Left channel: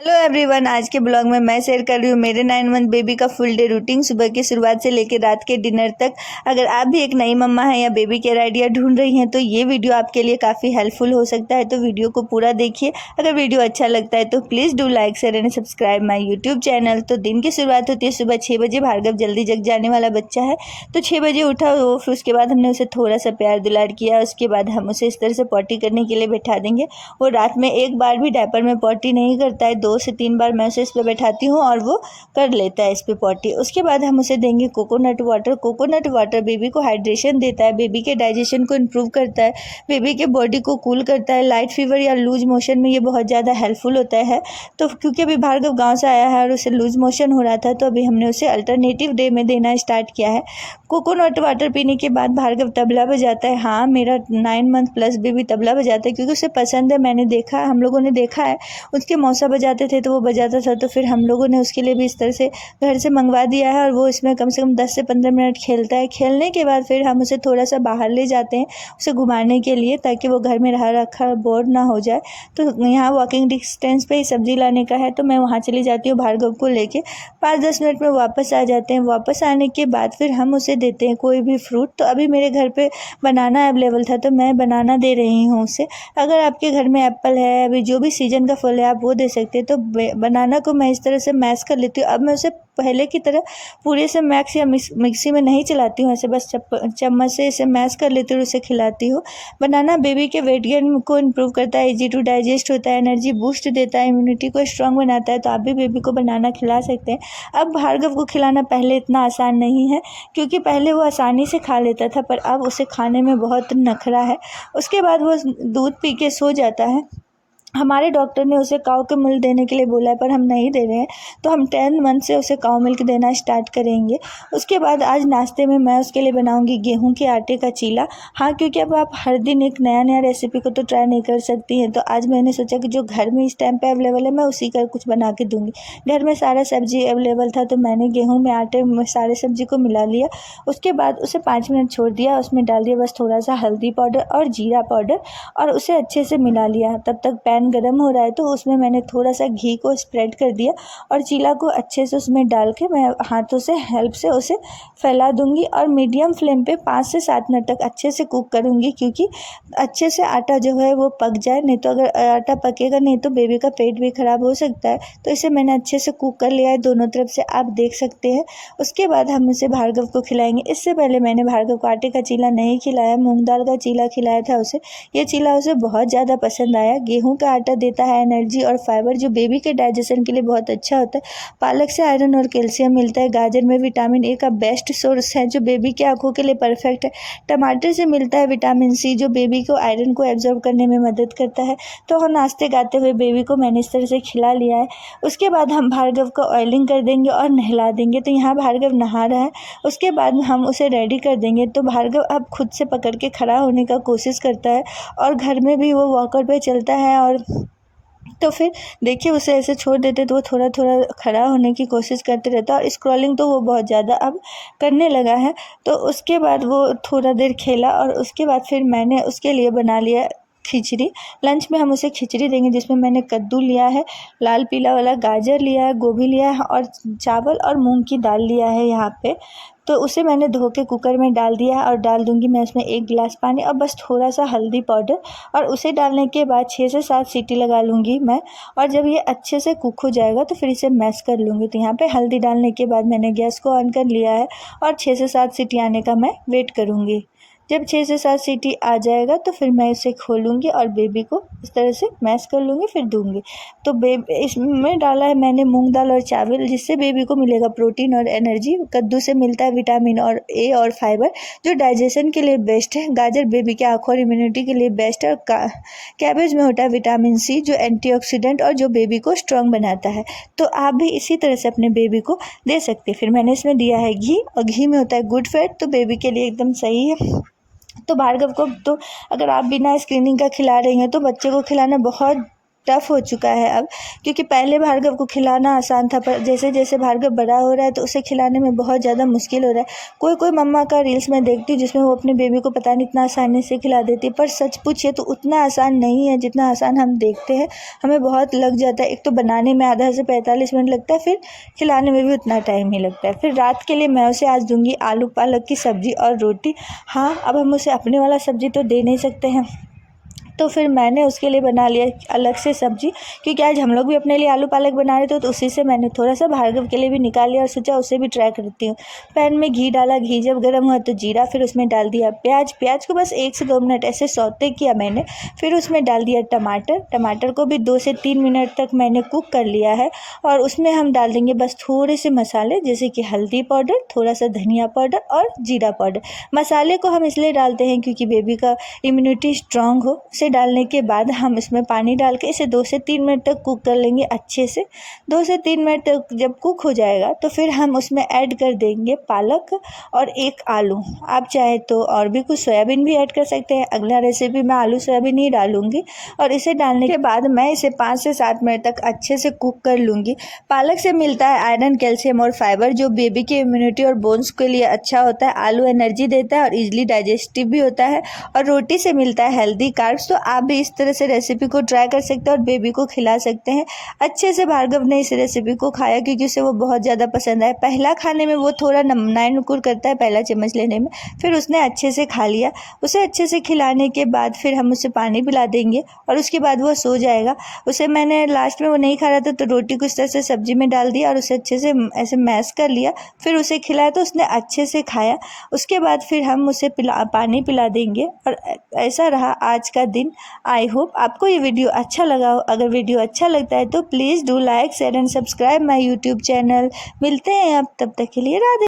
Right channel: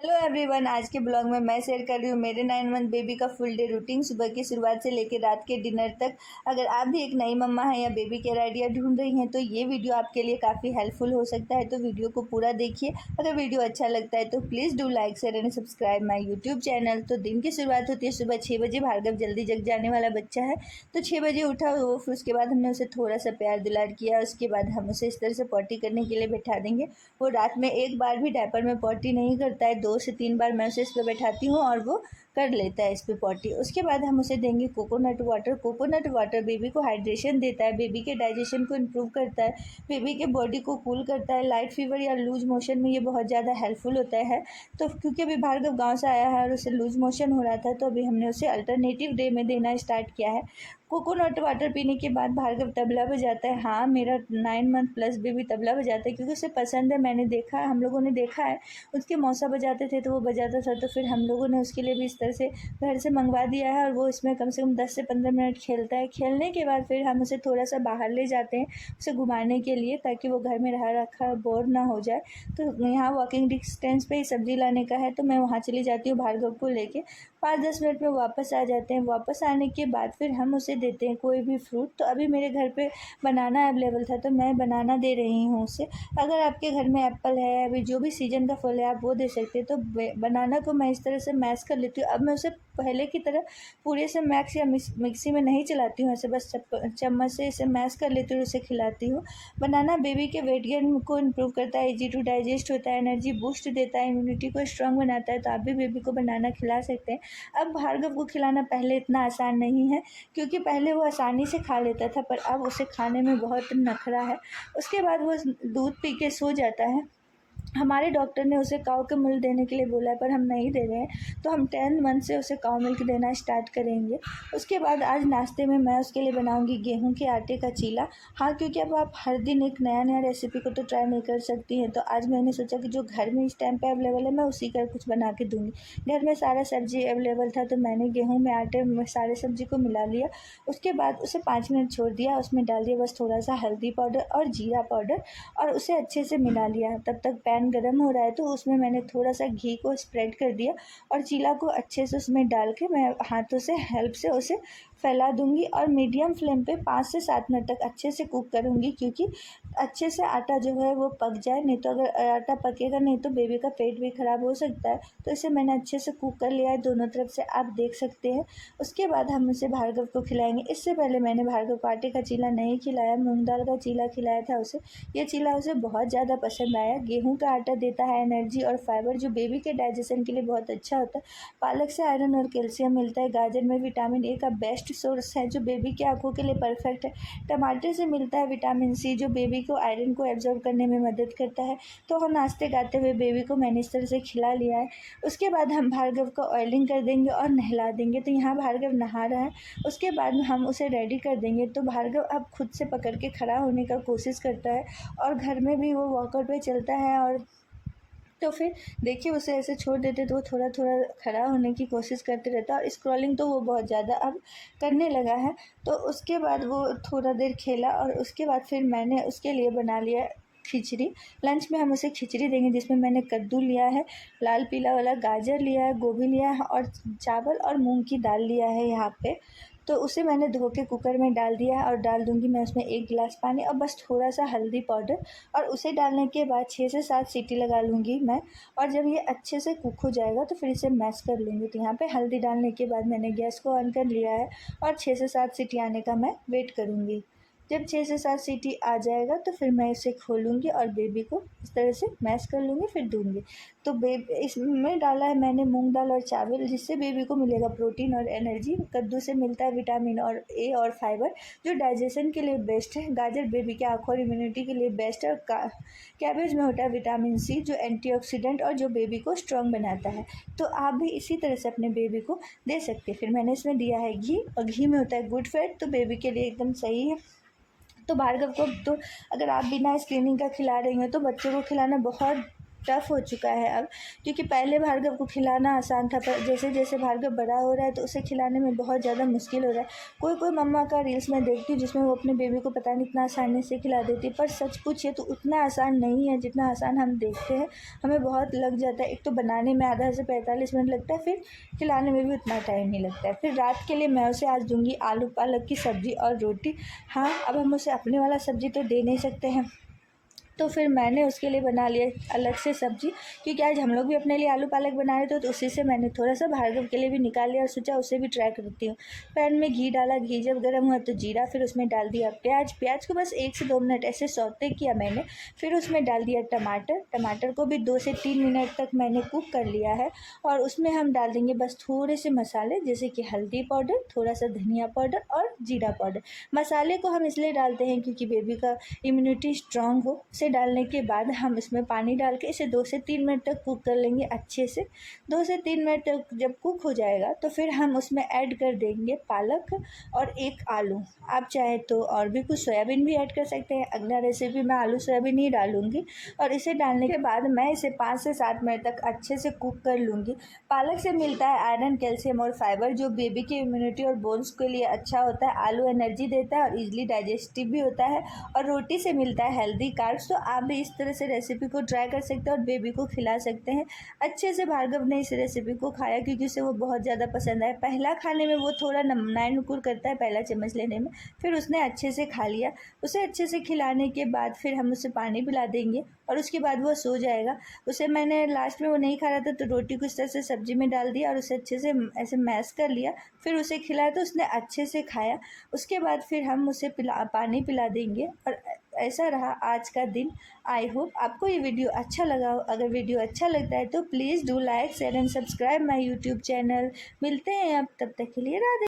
Hello everyone, आज के blog में मैं शेयर कर रही हूँ मेरे 9 मंथ बेबी का फुल डे रूटीन, सुबह की शुरुआत से लेकर रात के डिनर तक। अगर आप भी एक नई मम्मा हैं या बेबी केयर आइडिया ढूंढ रही हैं तो ये वीडियो आपके लिए काफ़ी हेल्पफुल हो सकता है, तो वीडियो को पूरा देखिए। अगर वीडियो अच्छा लगता है तो please do like share and subscribe my YouTube channel. तो दिन की शुरुआत होती है सुबह 6 बजे। भार्गव जल्दी जग जाने वाला बच्चा है तो 6 बजे उठा वो, फिर उसके बाद हमने उसे थोड़ा सा प्यार दुलार किया। उसके बाद हम उसे इस तरह से पॉटी करने के लिए बैठा देंगे। वो रात में एक बार भी डायपर में पॉटी नहीं करता है, 2 से 3 बार मैं उसे इस पे बैठाती हूँ और वो कर लेता है इस पे पॉटी। उसके बाद हम उसे देंगे coconut water. Coconut water baby को हाइड्रेशन देता है, बेबी के डाइजेशन को इम्प्रूव करता है, बेबी के बॉडी को कूल करता है। लाइट फीवर या लूज मोशन में ये बहुत ज़्यादा हेल्पफुल होता है। तो क्योंकि अभी भार्गव गाँव से आया है और उसे लूज मोशन हो रहा था, तो अभी हमने उसे अल्टरनेटिव डे में देना स्टार्ट किया है। कोकोनट वाटर पीने के बाद भार्गव तबला बजाता है। हाँ, मेरा 9 मंथ प्लस बेबी तबला बजाता है क्योंकि उसे पसंद है। मैंने देखा है, हम लोगों ने देखा है, उसके मौसा बजाते थे तो वो बजाता था, तो फिर हम लोगों ने उसके लिए भी इस तरह से घर से मंगवा दिया है और वो इसमें कम से कम 10 से 15 मिनट खेलता है। खेलने के बाद फिर हम उसे थोड़ा सा बाहर ले जाते हैं उसे घुमाने के लिए, ताकि वो घर में रहा रखा बोर ना हो जाए। तो यहाँ वॉकिंग डिस्टेंस पे ही सब्जी लाने का है, तो मैं वहाँ चली जाती हूँ भार्गव को लेके। 5-10 मिनट में वापस आ जाते हैं। वापस आने के बाद फिर हम उसे देते हैं कोई भी फ्रूट। तो अभी मेरे घर पे बनाना अवेलेबल था तो मैं बनाना दे रही हूँ उसे। अगर आपके घर में एप्पल है, अभी जो भी सीजन का फल है आप वो दे सकते हैं। तो बनाना को मैं इस तरह से मैश कर लेती हूँ। अब मैं उसे पहले की तरह पूरे से मैक्स या मिक्सी में नहीं चलाती हूँ, ऐसे बस चम्मच से इसे मैश कर लेती हूँ, उसे खिलाती हूँ। बनाना बेबी के वेट गेन को इम्प्रूव करता है, इजी टू डाइजेस्ट होता है, एनर्जी बूस्ट देता है, इम्यूनिटी को स्ट्रांग बनाता है। तो आप भी बेबी को बनाना खिला सकते हैं। अब भार्गव को खिलाना पहले इतना आसान नहीं है, क्योंकि पहले वो आसानी से खा लेता था, पर अब उसे खाने में बहुत नखरा है। उसके बाद वो दूध पी के सो जाता है। हमारे डॉक्टर ने उसे काऊ के मिल्क देने के लिए बोला है, पर हम नहीं दे रहे हैं, तो हम 10 मंथ से उसे काऊ मिल्क देना स्टार्ट करेंगे। उसके बाद आज नाश्ते में मैं उसके लिए बनाऊंगी गेहूं के आटे का चीला। हाँ, क्योंकि अब आप हर दिन एक नया नया रेसिपी को तो ट्राई नहीं कर सकती हैं, तो आज मैंने सोचा कि जो घर में इस टाइम पे अवेलेबल है मैं उसी का कुछ बना के दूँगी। घर में सारा सब्जी अवेलेबल था, तो मैंने गेहूँ में आटे में सारे सब्जी को मिला लिया। उसके बाद उसे 5 मिनट छोड़ दिया, उसमें डाल दिया बस थोड़ा सा हल्दी पाउडर और जीरा पाउडर, और उसे अच्छे से मिला लिया। तब तक पैन गरम हो रहा है, तो उसमें मैंने थोड़ा सा घी को स्प्रेड कर दिया और चीला को अच्छे से उसमें डाल के मैं हाथों से हेल्प से उसे फैला दूंगी और मीडियम फ्लेम पे 5 से 7 मिनट तक अच्छे से कुक करूंगी, क्योंकि अच्छे से आटा जो है वो पक जाए। नहीं तो अगर आटा पकेगा नहीं तो बेबी का पेट भी ख़राब हो सकता है। तो इसे मैंने अच्छे से कुक कर लिया है दोनों तरफ से, आप देख सकते हैं। उसके बाद हम इसे भार्गव को खिलाएंगे। इससे पहले मैंने भार्गव को आटे का चीला नहीं खिलाया, मूँग दाल का चीला खिलाया था उसे। ये चीला उसे बहुत ज़्यादा पसंद आया। गेहूँ का आटा देता है एनर्जी और फाइबर, जो बेबी के डाइजेशन के लिए बहुत अच्छा होता है। पालक से आयरन और कैल्शियम मिलता है। गाजर में विटामिन ए का बेस्ट सोर्स है, जो बेबी के आंखों के लिए परफेक्ट है। टमाटर से मिलता है विटामिन सी, जो बेबी को आयरन को एब्जॉर्ब करने में मदद करता है। तो हम नाश्ते गाते हुए बेबी को मैंने इस तरह से खिला लिया है। उसके बाद हम भार्गव को ऑयलिंग कर देंगे और नहला देंगे। तो यहाँ भार्गव नहा रहा है। उसके बाद हम उसे रेडी कर देंगे। तो भार्गव अब खुद से पकड़ के खड़ा होने का कोशिश करता है और घर में भी वो वॉकर पे चलता है। और तो फिर देखिए, उसे ऐसे छोड़ देते तो वो थोड़ा थोड़ा खड़ा होने की कोशिश करते रहता है, और स्क्रॉलिंग तो वो बहुत ज़्यादा अब करने लगा है। तो उसके बाद वो थोड़ा देर खेला और उसके बाद फिर मैंने उसके लिए बना लिया खिचड़ी। लंच में हम उसे खिचड़ी देंगे, जिसमें मैंने कद्दू लिया है, लाल पीला वाला गाजर लिया है, गोभी लिया है और चावल और मूंग की दाल लिया है यहाँ पे। तो उसे मैंने धो के कुकर में डाल दिया है और डाल दूंगी मैं उसमें 1 गिलास पानी और बस थोड़ा सा हल्दी पाउडर, और उसे डालने के बाद 6 से 7 सीटी लगा लूँगी मैं। और जब ये अच्छे से कुक हो जाएगा तो फिर इसे मैश कर लूँगी। तो यहाँ पे हल्दी डालने के बाद मैंने गैस को ऑन कर लिया है और 6 से 7 सीटी आने का मैं वेट करूँगी। जब 6 से 7 सीटी आ जाएगा तो फिर मैं इसे खोलूँगी और बेबी को इस तरह से मैश कर लूँगी, फिर दूँगी। तो बेबी इसमें डाला है मैंने मूंग दाल और चावल, जिससे बेबी को मिलेगा प्रोटीन और एनर्जी। कद्दू से मिलता है विटामिन और ए और फाइबर, जो डाइजेशन के लिए बेस्ट है। गाजर बेबी के आँखों और इम्यूनिटी के लिए बेस्ट है। और कैबेज में होता है विटामिन सी, जो एंटीऑक्सीडेंट और जो बेबी को स्ट्रॉन्ग बनाता है। तो आप भी इसी तरह से अपने बेबी को दे सकते हैं। फिर मैंने इसमें दिया है घी, और घी में होता है गुड फैट, तो बेबी के लिए एकदम सही है। तो भार्गव को तो अगर आप बिना स्क्रीनिंग का खिला रही हैं तो बच्चे को खिलाना बहुत टफ़ हो चुका है अब, क्योंकि पहले भार्गव को खिलाना आसान था, पर जैसे जैसे भार्गव बड़ा हो रहा है तो उसे खिलाने में बहुत ज़्यादा मुश्किल हो रहा है। कोई कोई मम्मा का रील्स मैं देखती हूँ जिसमें वो अपने बेबी को पता नहीं इतना आसानी से खिला देती है, पर सच पूछिए तो उतना आसान नहीं है जितना आसान हम देखते हैं। हमें बहुत लग जाता है, एक तो बनाने में आधा से 45 मिनट लगता है, फिर खिलाने में भी उतना टाइम ही लगता है। फिर रात के लिए मैं उसे आज दूंगी आलू पालक की सब्ज़ी और रोटी। हाँ, अब हम उसे अपने वाला सब्ज़ी तो दे नहीं सकते हैं, तो फिर मैंने उसके लिए बना लिया अलग से सब्ज़ी, क्योंकि आज हम लोग भी अपने लिए आलू पालक बना रहे थे, तो उसी से मैंने थोड़ा सा भार्गव के लिए भी निकाल लिया और सोचा उसे भी ट्राई करती हूँ। पैन में घी डाला, घी जब गर्म हुआ तो जीरा, फिर उसमें डाल दिया प्याज को बस 1 से 2 मिनट ऐसे सौते किया मैंने। फिर उसमें डाल दिया टमाटर को भी 2 से 3 मिनट तक मैंने कुक कर लिया है। और उसमें हम डाल देंगे बस थोड़े से मसाले, जैसे कि हल्दी पाउडर, थोड़ा सा धनिया पाउडर और जीरा पाउडर। मसाले को हम इसलिए डालते हैं क्योंकि बेबी का इम्यूनिटी स्ट्रांग हो। डालने के बाद हम इसमें पानी डाल के इसे 2 से 3 मिनट तक कुक कर लेंगे अच्छे से। 2 से 3 मिनट तक जब कुक हो जाएगा तो फिर हम उसमें ऐड कर देंगे पालक और 1 आलू। आप चाहे तो और भी कुछ सोयाबीन भी ऐड कर सकते हैं। अगला रेसिपी में आलू सोयाबीन ही डालूंगी। और इसे डालने के बाद मैं इसे 5 से 7 मिनट तक अच्छे से कुक कर लूँगी। पालक से मिलता है आयरन, कैल्शियम और फाइबर, जो बेबी की इम्यूनिटी और बोन्स के लिए अच्छा होता है। आलू एनर्जी देता है और ईजिली डाइजेस्टिव भी होता है। और रोटी से मिलता है हेल्दी कार्ब्स। तो आप भी इस तरह से रेसिपी को ट्राई कर सकते हैं और बेबी को खिला सकते हैं। अच्छे से भार्गव ने इस रेसिपी को खाया क्योंकि उसे वो बहुत ज़्यादा पसंद आया। पहला खाने में वो थोड़ा नाइन-नुकुर करता है पहला चम्मच लेने में, फिर उसने अच्छे से खा लिया। उसे अच्छे से खिलाने के बाद फिर हम उसे पानी पिला देंगे और उसके बाद वो सो जाएगा। उसे मैंने लास्ट में वो नहीं खा रहा था तो रोटी को इस तरह से सब्जी में डाल दिया और उसे अच्छे से ऐसे मैश कर लिया, फिर उसे खिलाया तो उसने अच्छे से खाया। उसके बाद फिर हम उसे पानी पिला देंगे। और ऐसा रहा आज का दिन। आई होप आपको ये वीडियो अच्छा लगा हो। अगर वीडियो अच्छा लगता है तो please do like, share and subscribe my YouTube channel. मिलते हैं अब, तब तक के लिए राधे।